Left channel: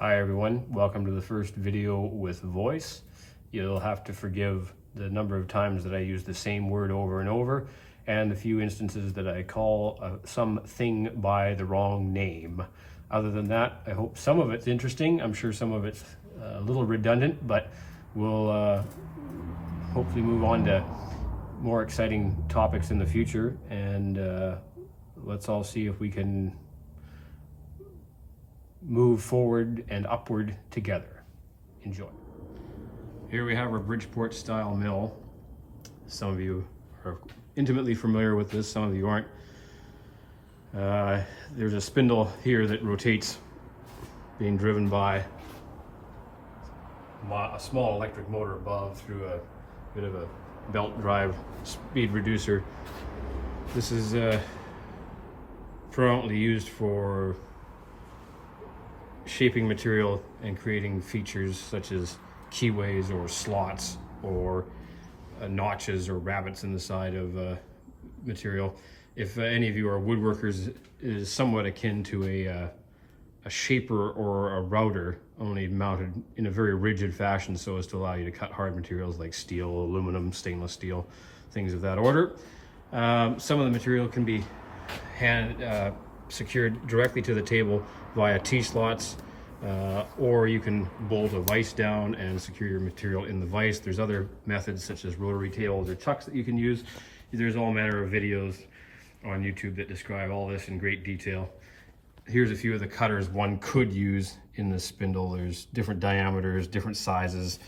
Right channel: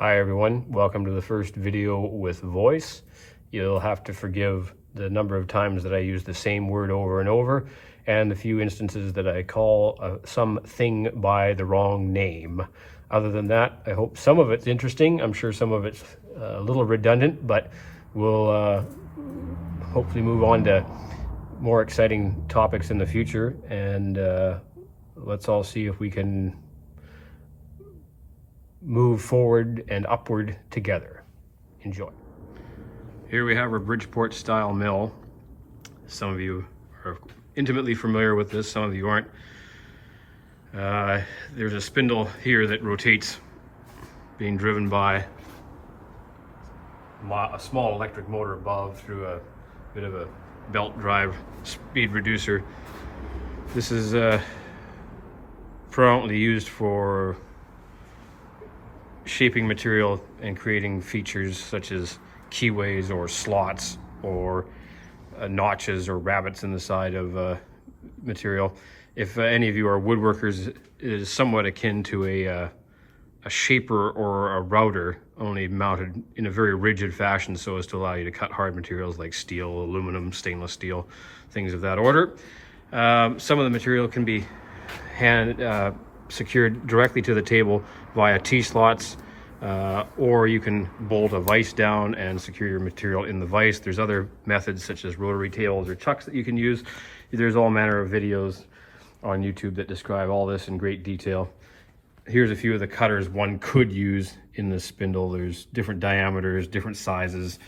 Hi everyone, welcome to the first video with voice. You'll have to forgive the number of times that I use the same word over and over, and the few instances that I call something by the wrong name. Other than that, I hope some of it's interesting. I'm sure some of it's a little redundant, but we'll hopefully move on to more exciting topics in the future, and let's all see if we can move forward and upward together. Enjoy. Here we have our Bridgeport style mill. Some of you are intimately familiar with this, some of you aren't. There's a spindle here that rotates, being driven by a small electric motor above through a bit of a belt drive speed reducer. This is predominantly used for shaping material and creating features such as keyways or slots or notches or rabbets in the side of material. If any of you are woodworkers, it is somewhat akin to a shaper or a router, only mounted in a very rigid fashion so as to allow you to cut hard materials like steel, aluminum, stainless steel, things of that order. Some of the material can be secured directly to the table via T-slots, or you can bolt a vise down and secure your material in the vise. There's other methods such as rotary tails or chucks that you can use. There's all manner of videos on YouTube that describe all this in great detail. Here's a few of the cutters one could use in this spindle. There's different diameters, different sizes,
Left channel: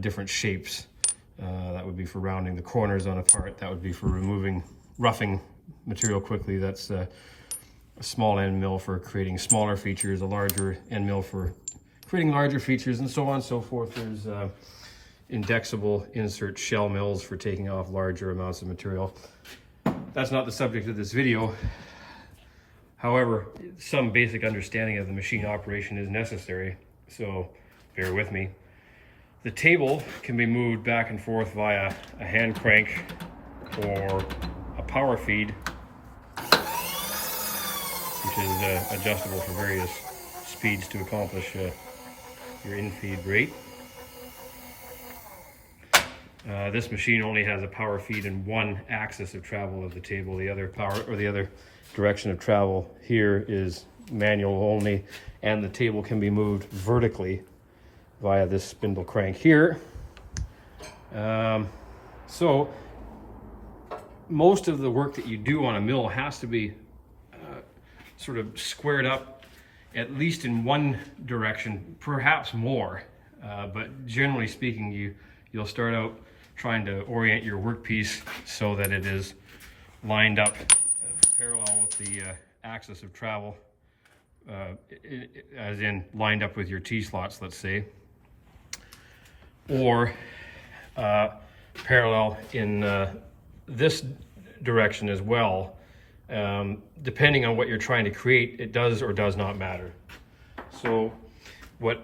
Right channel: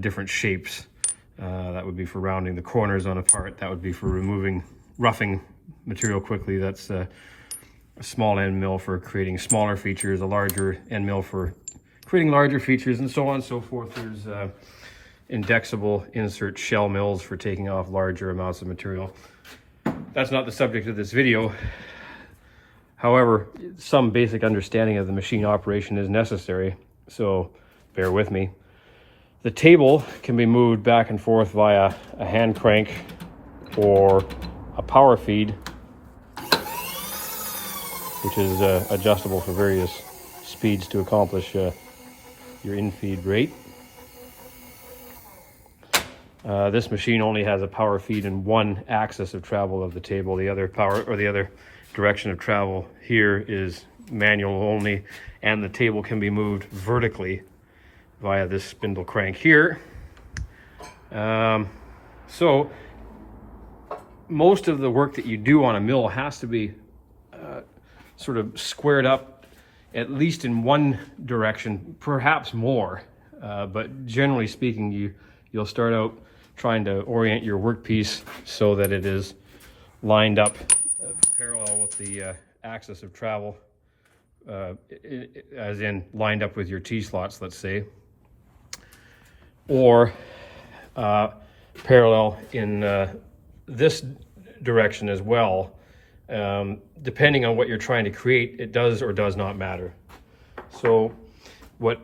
different shapes. That would be for rounding the corners on a part. That would be for roughing material quickly. That's a small end mill for creating smaller features, a larger end mill for creating larger features, and so on and so forth. There's indexable insert shell mills for taking off larger amounts of material. That's not the subject of this video. However, some basic understanding of the machine operation is necessary, so bear with me. The table can be moved back and forth via a hand crank or a power feed, which is adjustable for various speeds to accomplish your in-feed rate. This machine only has a power feed in one axis of travel of the table. The other direction of travel here is manual only, and the table can be moved vertically via this spindle crank here. So most of the work that you do on a mill has to be sort of squared up at least in one direction, perhaps more, but generally speaking, you'll start out trying to orient your workpiece so that it is lined up parallel with the axis of travel, as in lined up with your T-slots, let's say, or parallel in this direction as well. Depending on what you're trying to create, it does or does not matter. So what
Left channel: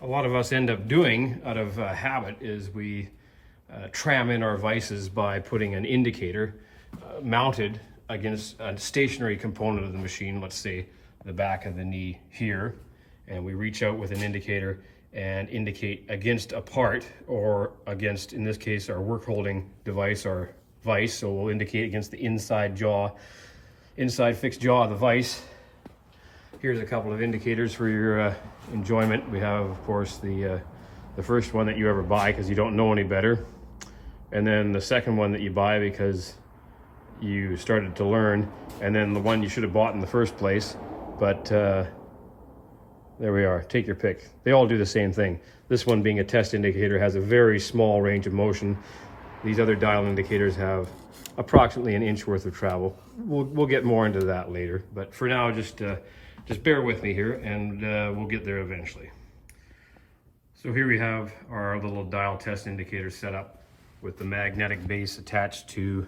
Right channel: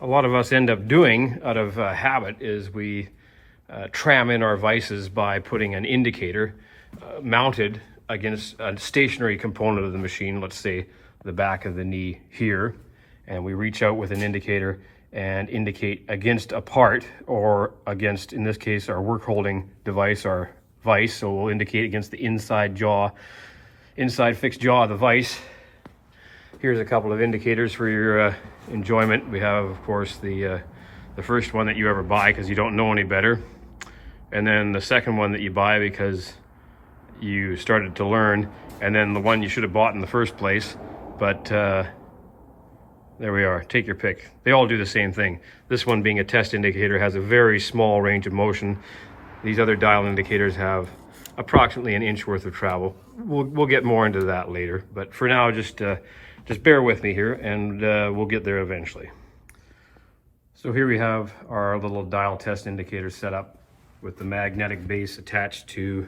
a lot of us end up doing out of habit is we tram in our vices by putting an indicator mounted against a stationary component of the machine, let's say the back of the knee here, and we reach out with an indicator and indicate against a part, or against, in this case, our work holding device, our vise. So we'll indicate against the inside fixed jaw of the vise. Here's a couple of indicators for your enjoyment. We have, of course, the first one that you ever buy because you don't know any better, and then the second one that you buy because you started to learn, and then the one you should have bought in the first place. But there we are, take your pick. They all do the same thing. This one, being a test indicator, has a very small range of motion. These other dial indicators have approximately an inch worth of travel. We'll get more into that later, but for now, just bear with me here, and we'll get there eventually. So here we have our little dial test indicator set up with the magnetic base attached to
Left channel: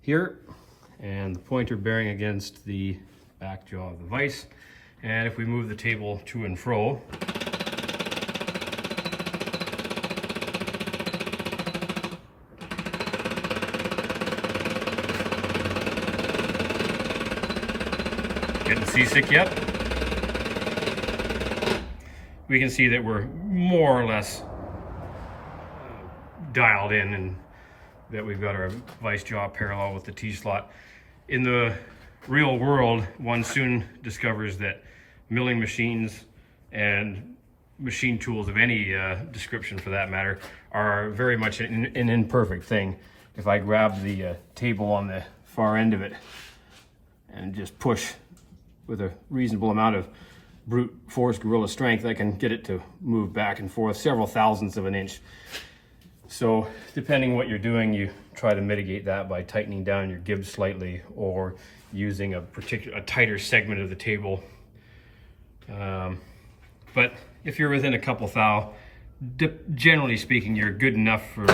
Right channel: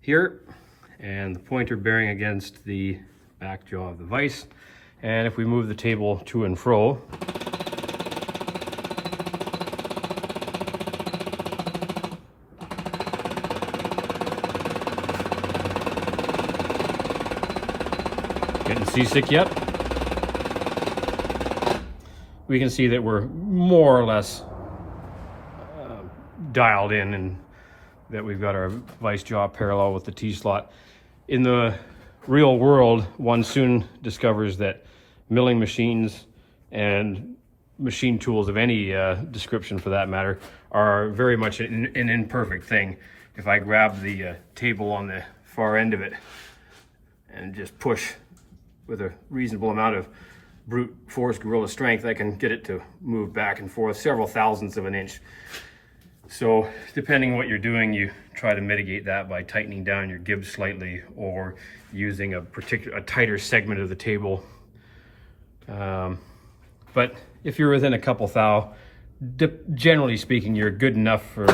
here, and the pointer bearing against the back jaw of the vise. And if we move the table to and fro, getting seasick yet? we can see that we're more or less dialed in, and that we've got our vice jaw parallel with the T-slot. In the real world, one soon discovers that milling machines and machine tools of any description for that matter are very much an imperfect thing. If I grab the table on the far end of it and just push with a reasonable amount of brute force gorilla strength, I can get it to move back and forth several thousandths of an inch. So depending what you're doing, you try to mitigate that by tightening down your gib slightly, or using a tighter segment of the table. But if you're within a couple thou, generally speaking, you're good enough for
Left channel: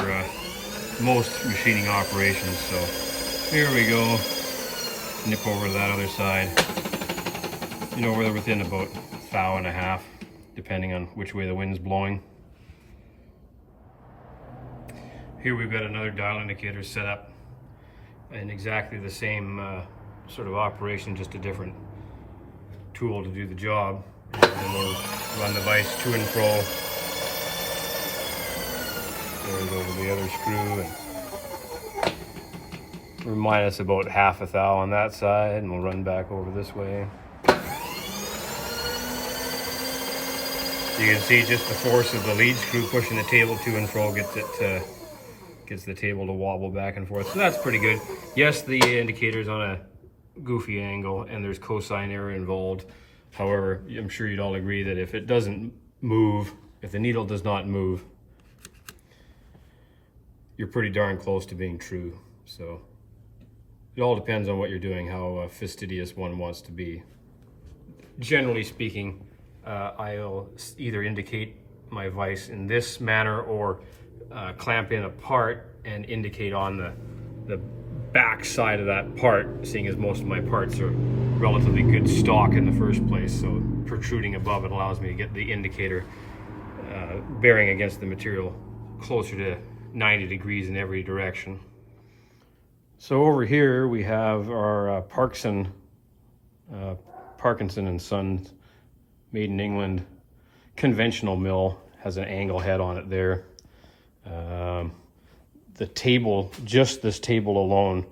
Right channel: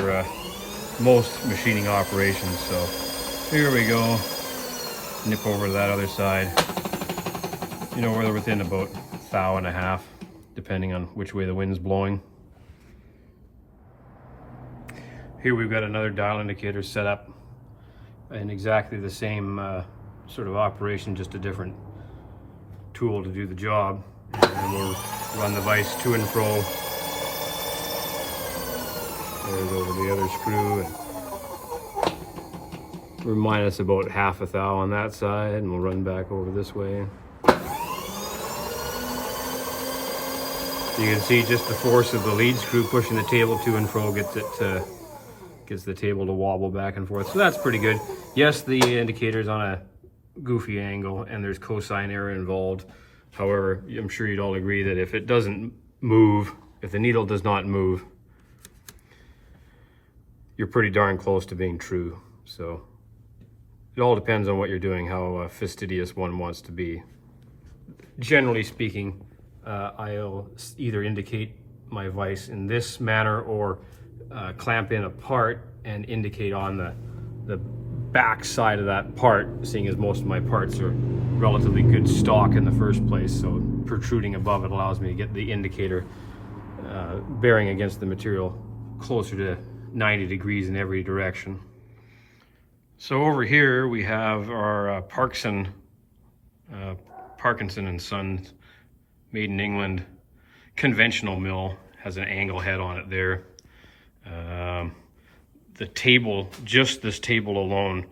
most machining operations. So here we go, nip over to that other side. You know, we're within about a thou and a half, depending on which way the wind's blowing. Here we've got another dial indicator set up in exactly the same sort of operation, just a different tool to do the job. And we'll run the vise to and fro. There's over the other screw, and we're minus about half a thou on that side, and we'll run back over this way. You can see just the force of the lead screw pushing the table to and fro gets the table to wobble back and forth. So that's pretty good. Yes, the indicator's on a goofy angle and there's cosine error involved. However, I'm sure you'd all agree that if it doesn't move, if the needle does not move, you're pretty darn close to being true. So it all depends on what you're doing, how fastidious one wants to be. Generally speaking, I'll either indicate my vise in this manner, or clamp in a part and indicate on the back side of that part, seeing as most of my parts are relatively good stock in the first place. So protruding above it allows me to get the indicator bearing against the material closer to 90 degrees in every direction. So over here we have our Parkinson and Sons, made in England, conventional mill. Has an angle head on it there. The table, just this table alone,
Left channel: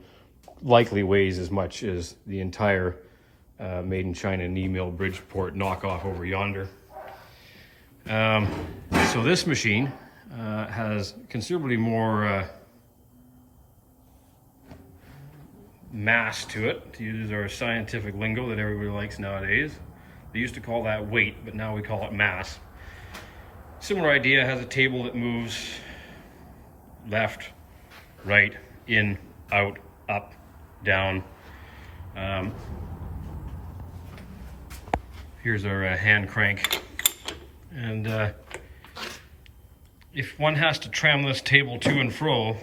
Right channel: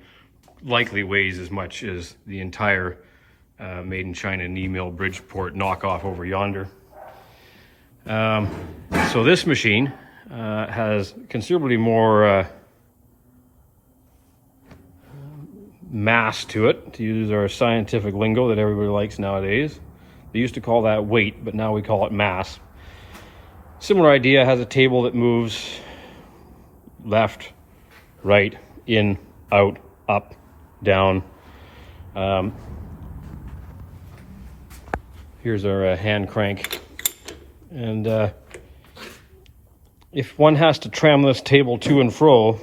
likely weighs as much as the entire made in China knee mill Bridgeport knockoff over yonder. So this machine has considerably more mass to it, to use our scientific lingo that everybody likes nowadays. They used to call that weight, but now we call it mass. Similar idea, has a table that moves left, right, in, out, up, down. Here's our hand crank. And if one has to tram this table to and fro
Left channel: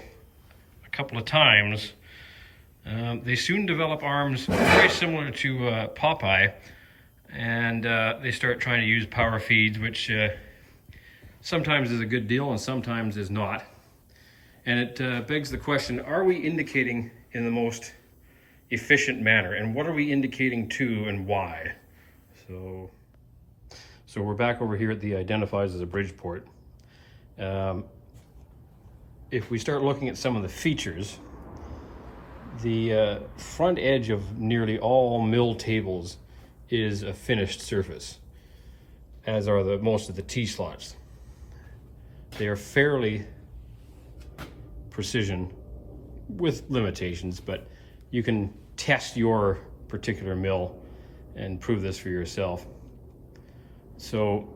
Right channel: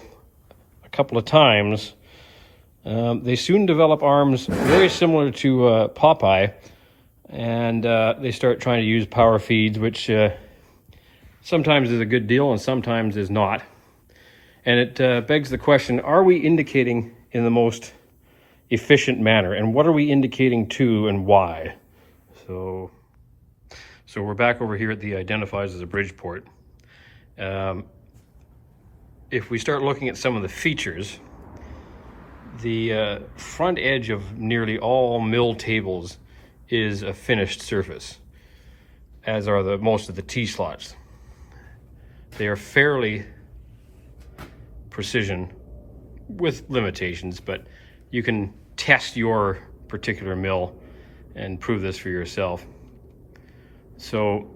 a couple of times, they soon develop arms very similar to Popeye, and they start trying to use power feeds, which sometimes is a good deal and sometimes is not. And it begs the question, are we indicating in the most efficient manner? And what are we indicating to and why? So we're back over here at the identifies as a Bridgeport. If we start looking at some of the features, the front edge of nearly all mill tables is a finished surface, as are most of the T-slots. They are fairly precision with limitations, but you can test your particular mill and prove this for yourself. So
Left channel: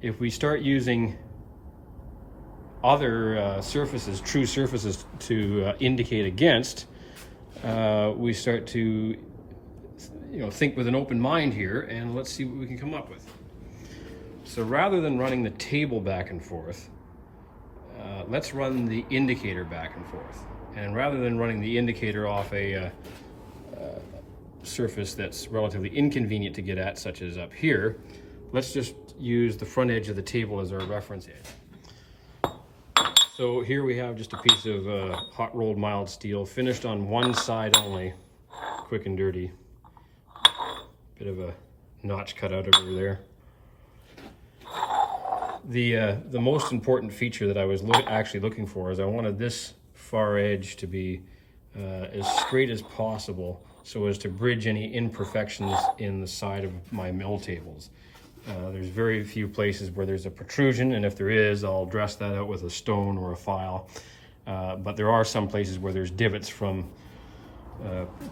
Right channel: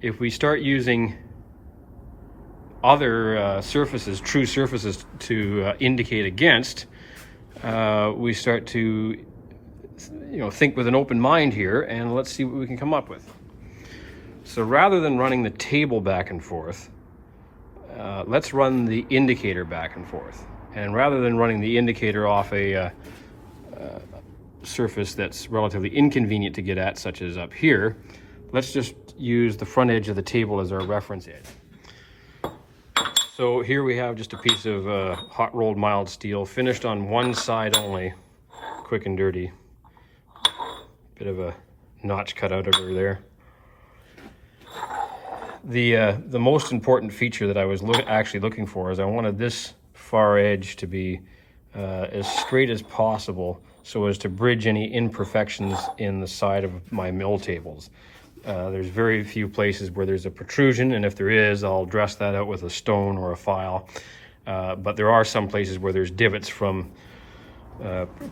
if we start using other surfaces, true surfaces, to indicate against, we start to think with an open mind here, and let's see what we can come up with. So rather than running the table back and forth, let's run the indicator back and forth. And rather than running the indicator off a surface that's relatively inconvenient to get at, such as up here, let's just use the front edge of the table as our reference edge. So here we have just a piece of hot rolled mild steel, finished on one side only, quick and dirty. Bit of a notch cut out over there. The most important feature that I was actually looking for is I wanted this far edge to be as straight as possible so as to bridge any imperfections in the side of my mill tables. There's very few places where there's a protrusion, and if there is, I'll dress that out with a stone or a file. But there are some places where there's divots from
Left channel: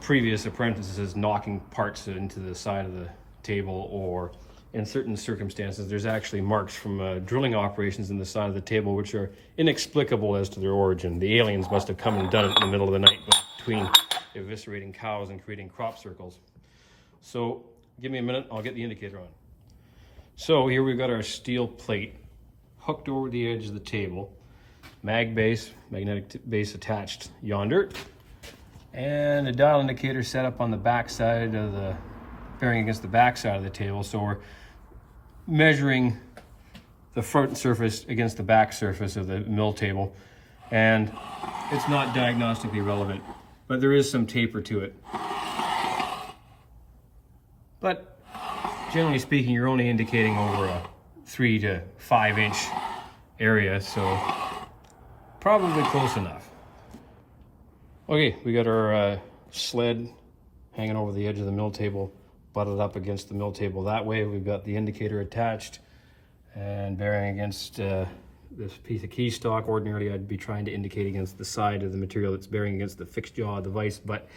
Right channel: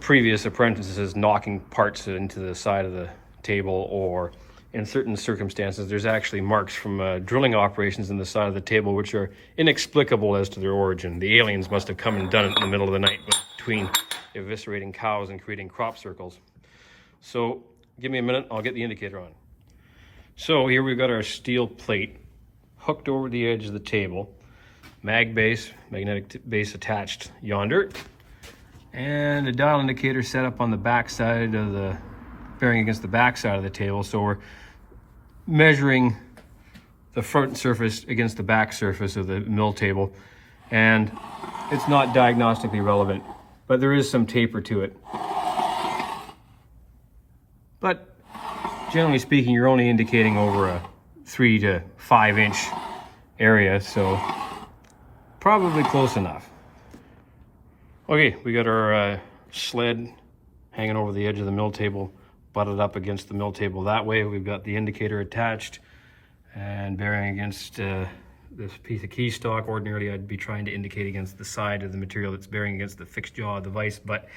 previous apprentices knocking parts into the side of the table, or in certain circumstances there's actually marks from drilling operations in the side of the table which are inexplicable as to their origin. The aliens must have come and done it in the middle of the night between eviscerating cows and creating crop circles. So give me a minute, I'll get the indicator on. So here we've got our steel plate hooked over the edge of the table, magnetic base attached yonder, and a dial indicator set up on the back side of the, bearing against the back side of the table. So we're measuring the front surface against the back surface of the mill table, and it's not diagnostically relevant, but there is some taper to it. But generally speaking, you're only indicating over a 3 to 5 inch area, so probably close enough. Okay, we got our sled hanging over the edge of the mill table, butted up against the mill table that way. We've got the indicator attached and bearing against this piece of key stock. Ordinarily, I'd be trying to indicate against the side of the material that's bearing against the fixed jaw of the vise, but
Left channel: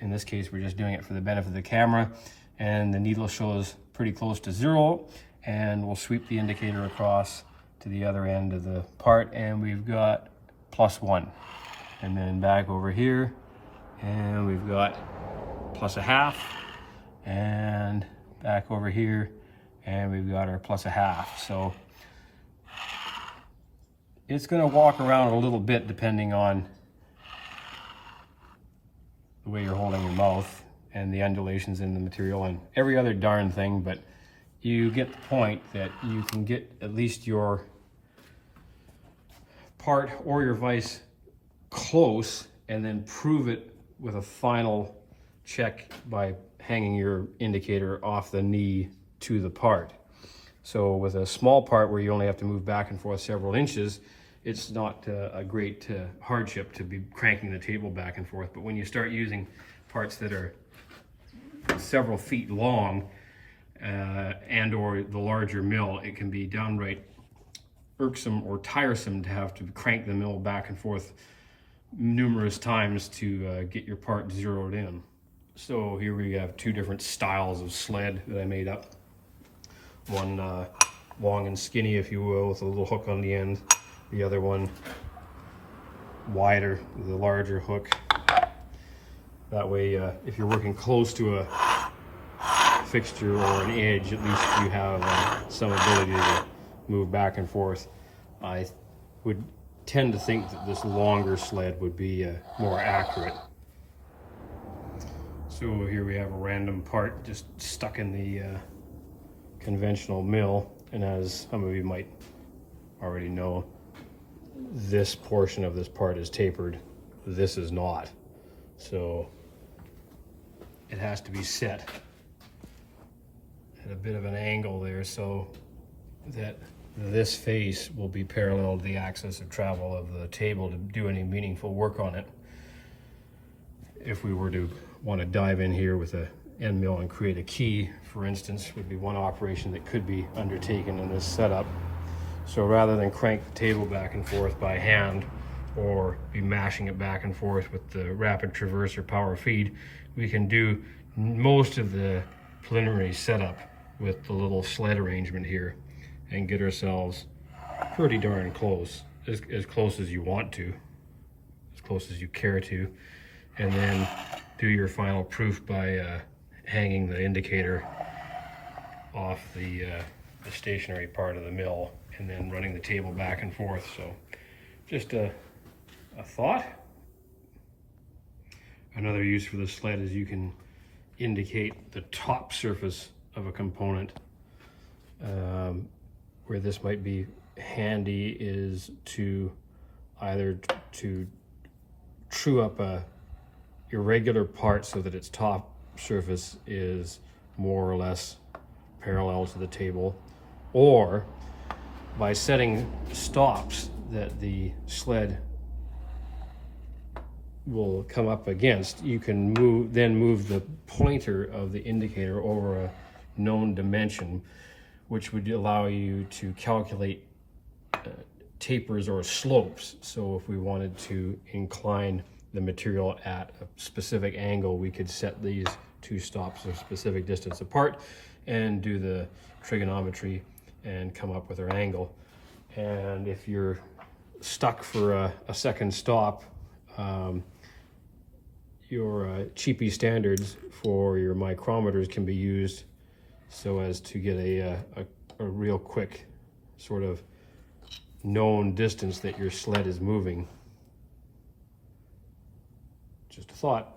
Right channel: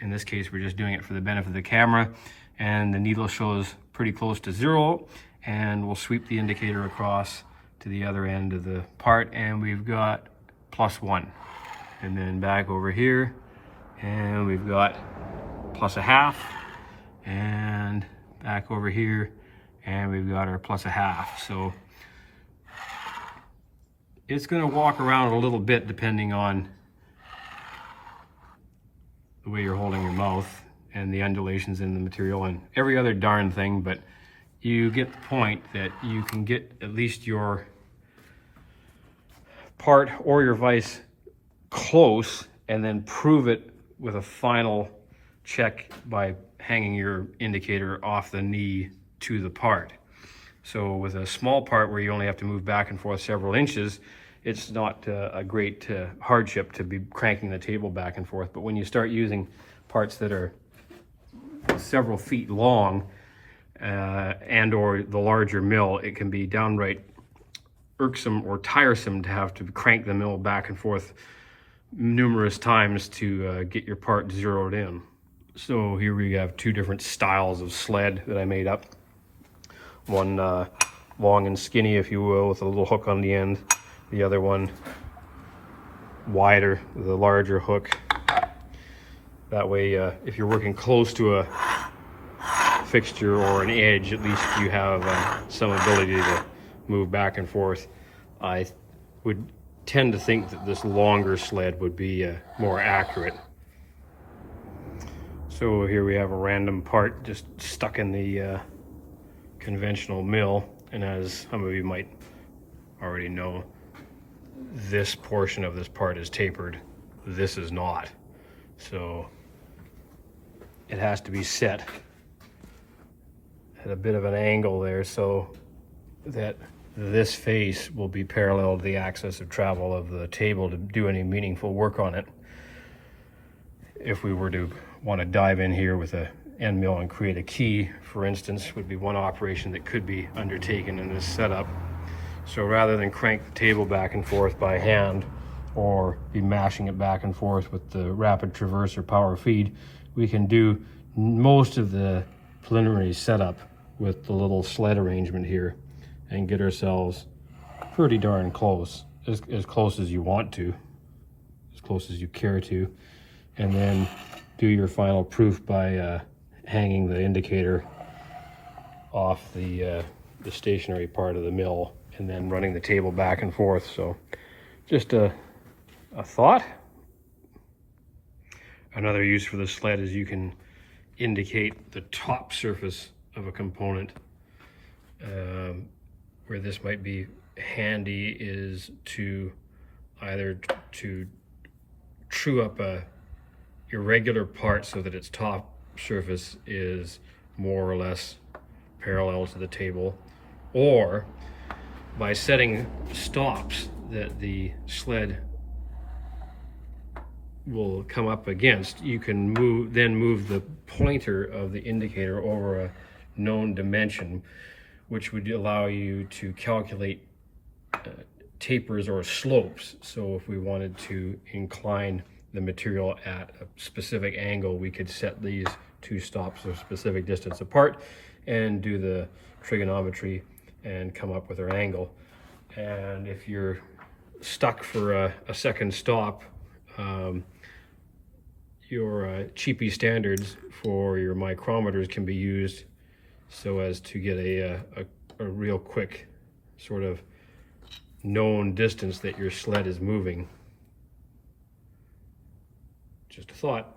in this case, we're just doing it for the benefit of the camera. And the needle shows pretty close to 0, and we'll sweep the indicator across to the other end of the part, and we've got +1. And then back over here, and we've got +0.5, and back over here, and we've got our +0.5. So it's going to walk around a little bit depending on the way you're holding your mouth and the undulations in the material and every other darn thing, but you get the point that you can get at least your part or your vise close and then prove it with a final check by hanging your indicator off the knee to the part. So with a small part where you only have to move back and forth several inches, it's not a great hardship to be cranking the table back and forth. But when you start using parts that are several feet long and or the larger mill, it can be downright irksome or tiresome to have to crank the mill back and forth numerous times to get your part zeroed in. So here we have 2 different styles of sled that I made up. One long and skinny, if you will, with a little hook on the end. The other one wider, with a larger hook. That way, if you're working close to a fixture or an edge, at least you have some ability to move back and forth. I would tend to think that this longer sled would be more accurate. So here we have a random part just stuck in the conventional mill, and as some of you might already know, this portion of this part is tapered, this is not. So it has to be set at a bit of an angle there so that this face will be parallel to the axis of travel of the table to do any meaningful work on it. If we were to want to dive in here with a end mill and create a key, for instance, would be one operation that could be undertaken in this setup. So rather than crank the table back and forth by hand or be mashing it back and forth with the rapid traverse or power feed, we can do most of the preliminary setup with the little sled arrangement here and get ourselves pretty darn close, as close as you want to, as close as you care to, and then do your final proof by hanging the indicator off the stationary part of the mill and then running the table back and forth. So just a thought. Another use for the sled is you can indicate the top surface of a component. Where this might be handy is to either to true up a irregular part so that its top surface is more or less parallel to the table, or by setting stops that the sled will come up against, you can move the pointer of the indicator over a known dimension, which would allow you to calculate tapers or slopes. So if we wanted to incline the material at a specific angle, we could set these two stops a specific distance apart and do the trigonometry and come up with our angle. And if you're stuck for a second stop, your cheapy standards for your micrometers can be used so as to get a real quick sort of known distance that your sled is moving. Just a thought.